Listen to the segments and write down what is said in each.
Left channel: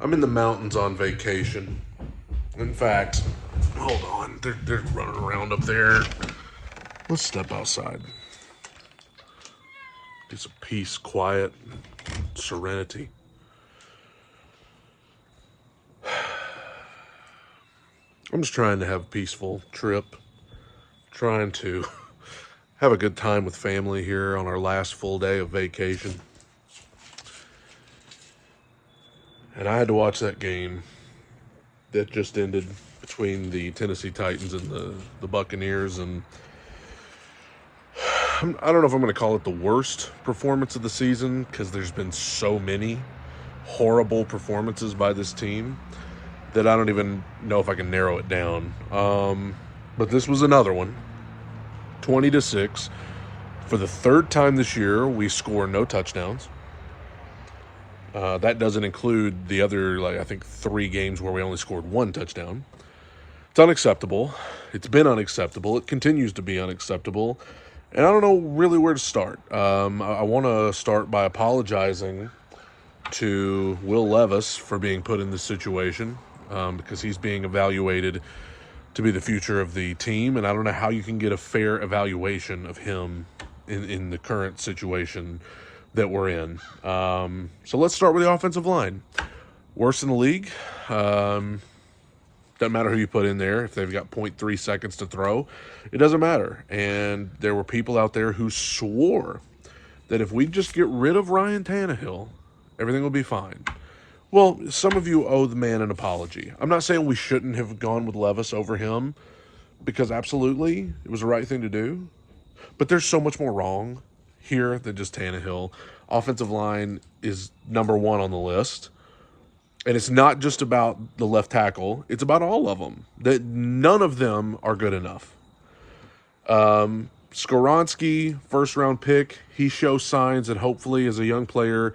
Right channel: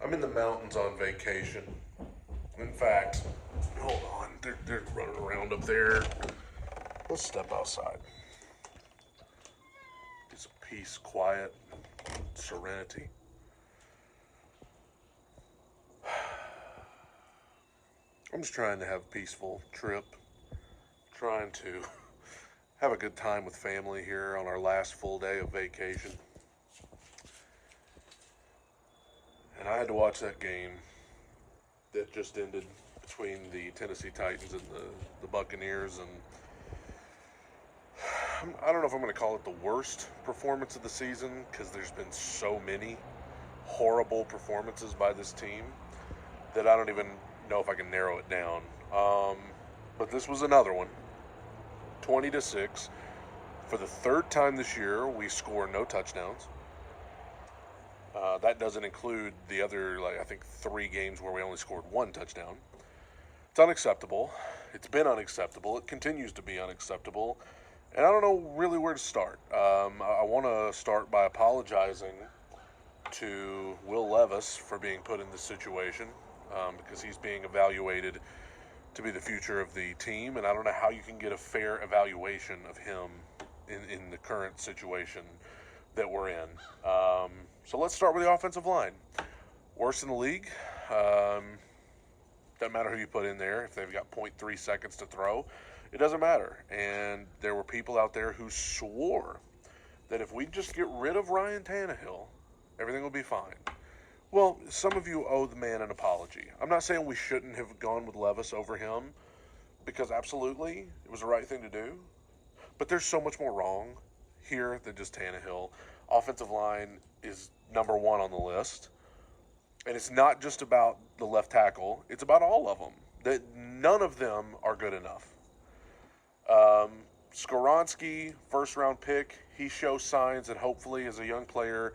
I'm in the mountains on vacation. In fact, hold on, they're running around up there. Let's step outside. Get some peace, quiet, serenity. I'm just trying to have a peaceful trip. Trying to have a good time with family here on our last full day of vacation. And I had to watch that game that just ended between the Tennessee Titans and the Buccaneers. And I don't know if I'm going to call it the worst performance of the season because there's been so many horrible performances by this team that I don't even know if I can narrow it down. But this was another one. 20-6. For the third time this year, we score no touchdowns. That doesn't include the other, I think 3 games where we only scored 1 touchdown. It's unacceptable. It's been unacceptable. It continues to be unacceptable. And I don't know really where to start. I want to start by apologizing to Will Levis for being put in this situation because he's being evaluated to be the future of the team. And I don't know how you can get a fair evaluation of him in the current situation that we're in. So let's start with the offensive line. Worst in the league. Doesn't matter who you put in there. If they've got 0.3 seconds to throw, it doesn't matter. And there were people out there who swore that if we just get rid of Ryan Tannehill, everything will be fine. Well, some of you owe the man an apology. I'm not saying we shouldn't have gone with Levis over him, because absolutely it was the right thing to do. But there's so much more wrong here than just Tannehill. Offensive line is number 1 on the list. And it's not just about the left tackle. It's about all of them. That none of them are good enough. Skoronski, first-round pick, he shows signs that hopefully as a young player,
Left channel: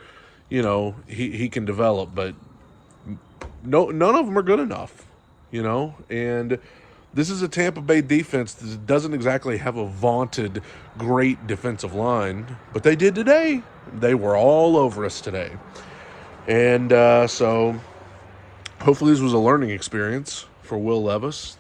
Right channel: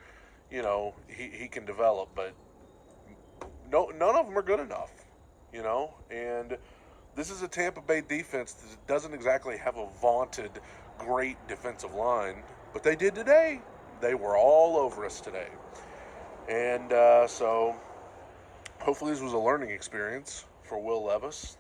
he can develop. But none of them are good enough, And this is a Tampa Bay defense that doesn't exactly have a vaunted great defensive line. But they did today. They were all over us today. And so hopefully this was a learning experience for Will Levis.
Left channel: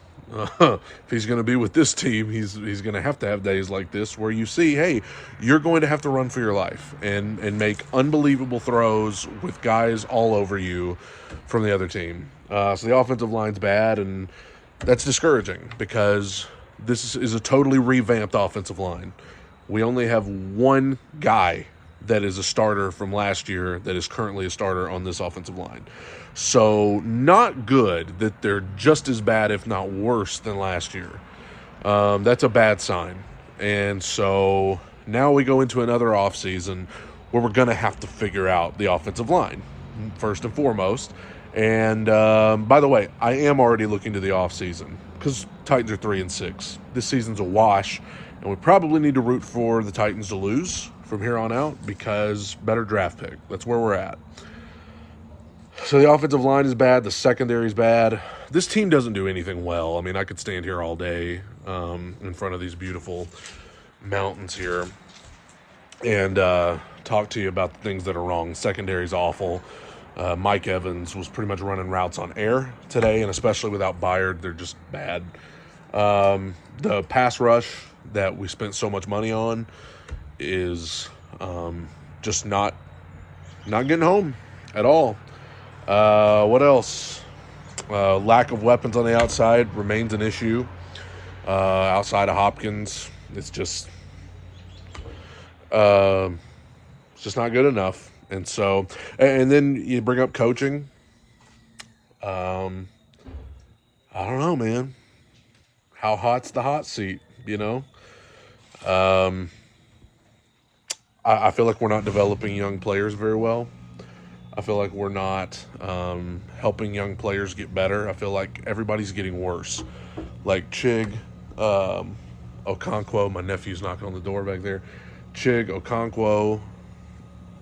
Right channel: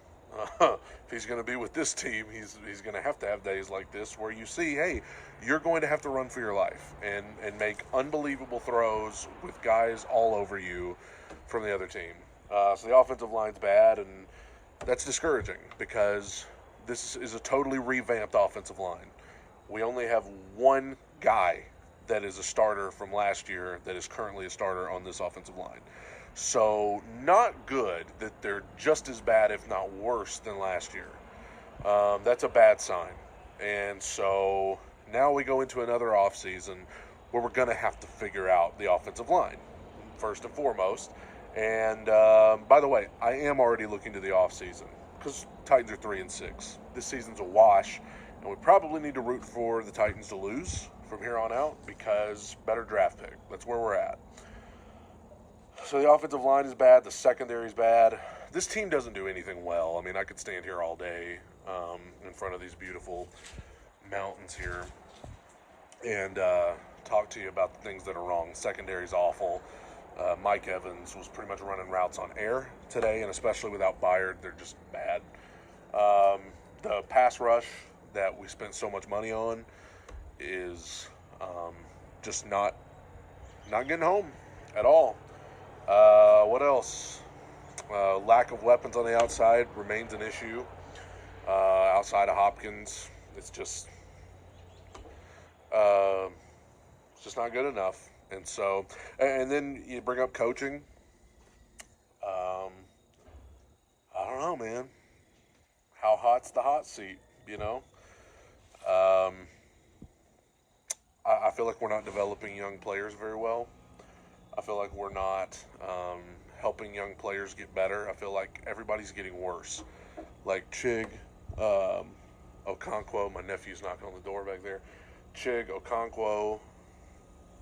If he's going to be with this team, he's going to have days like this where you see, hey, you're going to have to run for your life and make unbelievable throws with guys all over you from the other team. So the offensive line's bad, and that's discouraging because this is a totally revamped offensive line. We only have one guy that is a starter from last year that is currently a starter on this offensive line. So not good that they're just as bad, if not worse, than last year. That's a bad sign. And so now we go into another offseason where we're going to have to figure out the offensive line, first and foremost. And by the way, I am already looking to the offseason because Titans are 3-6. This season's a wash, and we probably need to root for the Titans to lose from here on out because better draft pick. That's where we're at. So the offensive line is bad. The secondary is bad. This team doesn't do anything well. I mean, I could stand here all day in front of these beautiful mountains here and talk to you about the things that are wrong. Secondary is awful. Mike Evans was pretty much running routes on air today, and especially without Byard, they're just bad. The pass rush that we spent so much money on is just not getting home at all. What else? Lack of weapons on the outside remains an issue. Outside of Hopkins, it's just not good enough. And so, and then you bring up coaching. I don't know, man. How hot's the hot seat? I feel like we're not developing young players very well. I feel like we're not helping young players get better. I feel like everybody's getting worse. Like Chig, Okonkwo, my nephew's knocking on the door back there. Chig, Okonkwo,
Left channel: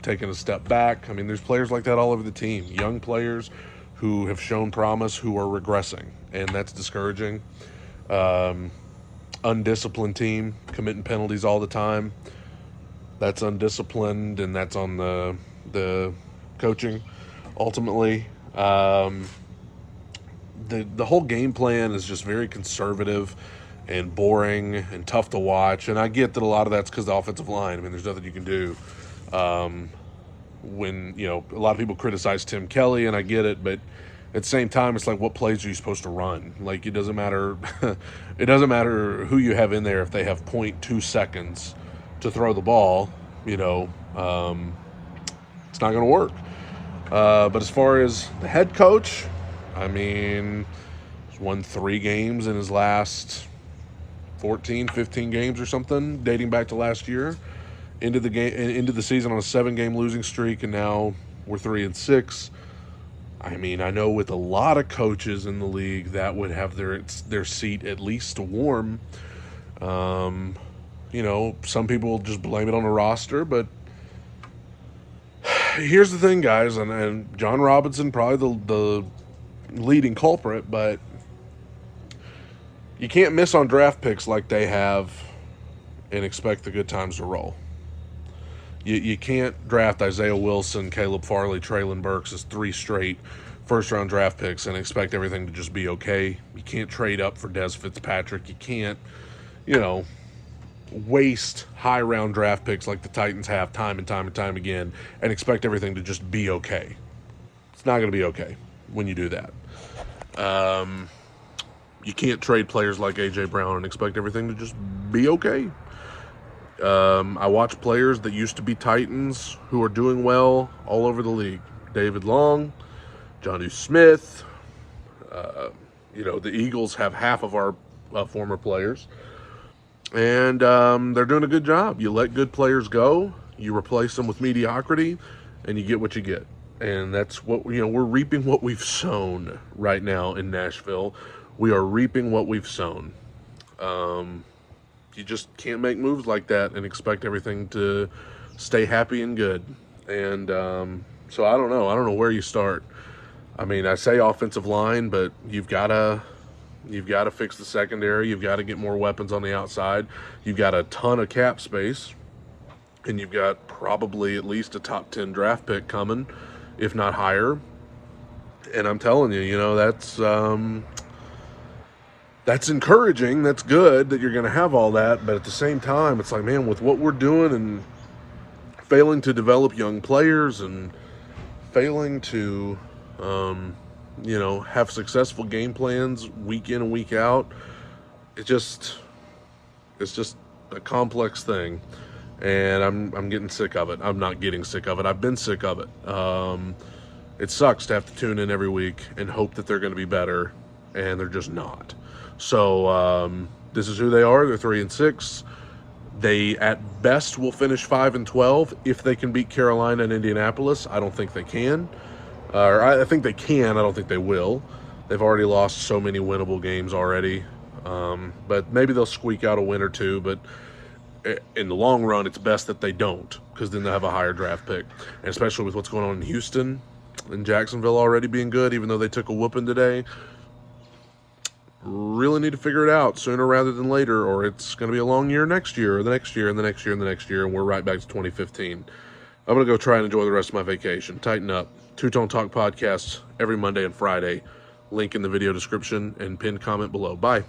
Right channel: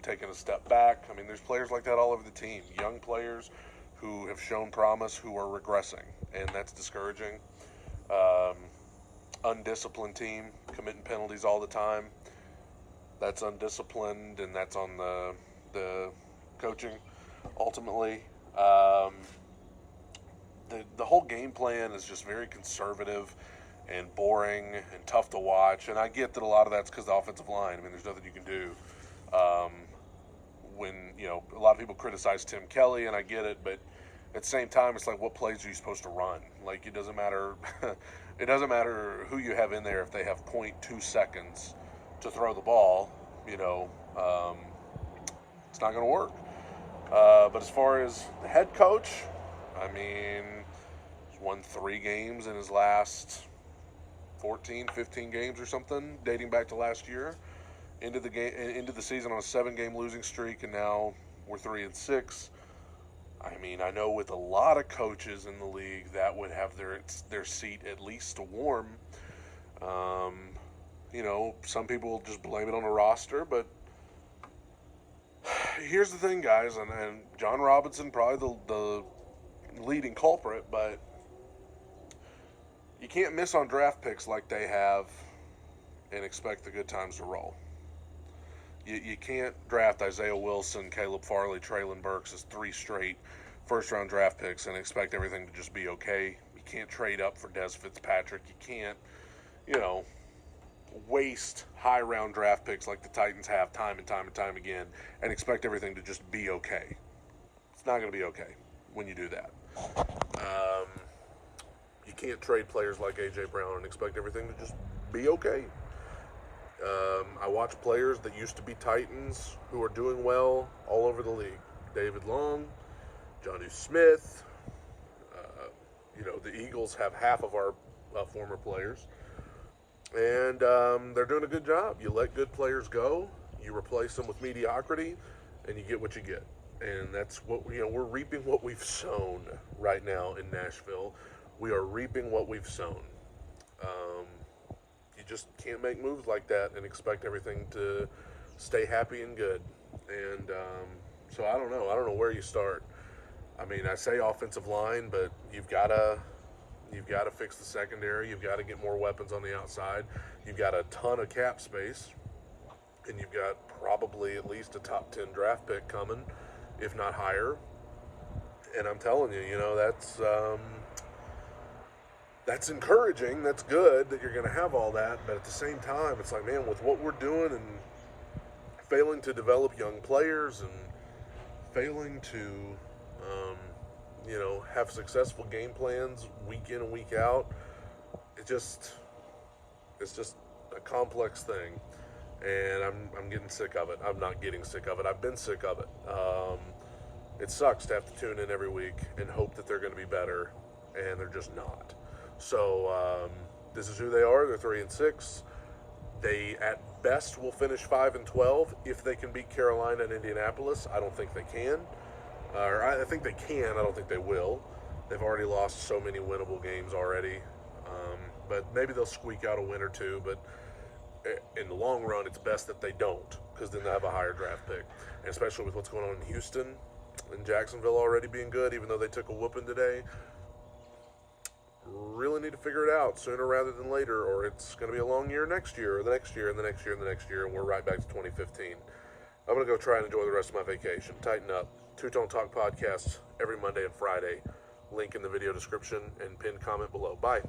taking a step back. I mean, there's players like that all over the team. Young players who have shown promise who are regressing, and that's discouraging. Undisciplined team, committing penalties all the time. That's undisciplined, and that's on the coaching ultimately. Um, the whole game plan is just very conservative and boring and tough to watch. And I get that a lot of that's because the offensive line. I mean, there's nothing you can do. When a lot of people criticize Tim Kelly, and I get it, but at the same time, it's like, what plays are you supposed to run? Like, it doesn't matter. It doesn't matter who you have in there if they have 0.2 seconds to throw the ball. It's not going to work. But as far as the head coach, I mean, he's won 3 games in his last 14, 15 games or something, dating back to last year. Into the season on a 7-game losing streak, and now we're 3-6. I mean, I know with a lot of coaches in the league that would have their seat at least warm. Some people just blame it on the roster, but here's the thing, guys, and John Robinson probably the leading culprit, but you can't miss on draft picks like they have and expect the good times to roll. You can't draft Isaiah Wilson, Caleb Farley, Traylon Burks as 3 straight first-round draft picks and expect everything to just be okay. You can't trade up for Dez Fitzpatrick. You can't, waste high-round draft picks like the Titans have time and time and time again and expect everything to just be okay. It's not going to be okay when you do that. You can't trade players like A.J. Brown and expect everything to just be okay. I watch players that used to be Titans who are doing well all over the league. David Long, Jonnu Smith. The Eagles have half of our former players. And they're doing a good job. You let good players go, you replace them with mediocrity, and you get what you get. And that's what, we're reaping what we've sown right now in Nashville. We are reaping what we've sown. You just can't make moves like that and expect everything to stay happy and good. And so I don't know where you start. I mean, I say offensive line, but you've got to fix the secondary. You've got to get more weapons on the outside. You've got a ton of cap space, and you've got probably at least a top 10 draft pick coming, if not higher. And I'm telling you, that's encouraging. That's good that you're going to have all that. But at the same time, it's like, man, with what we're doing and failing to develop young players and failing to, have successful game plans week in and week out, it's just a complex thing. And I'm getting sick of it. I'm not getting sick of it. I've been sick of it. It sucks to have to tune in every week and hope that they're going to be better, and they're just not. So this is who they are. They're 3-6. They at best will finish 5-12 if they can beat Carolina and Indianapolis. I don't think they can. I think they can. I don't think they will. They've already lost so many winnable games already. But maybe they'll squeak out a win or two. But in the long run, it's best that they don't, because then they'll have a higher draft pick. And especially with what's going on in Houston and Jacksonville already being good, even though they took a whooping today. Really need to figure it out sooner rather than later, or it's going to be a long year next year, or the next year, and the next year, and the next year, and we're right back to 2015. I'm going to go try and enjoy the rest of my vacation. Tighten up. Two-Tone Talk podcasts every Monday and Friday. Link in the video description and pinned comment below. Bye.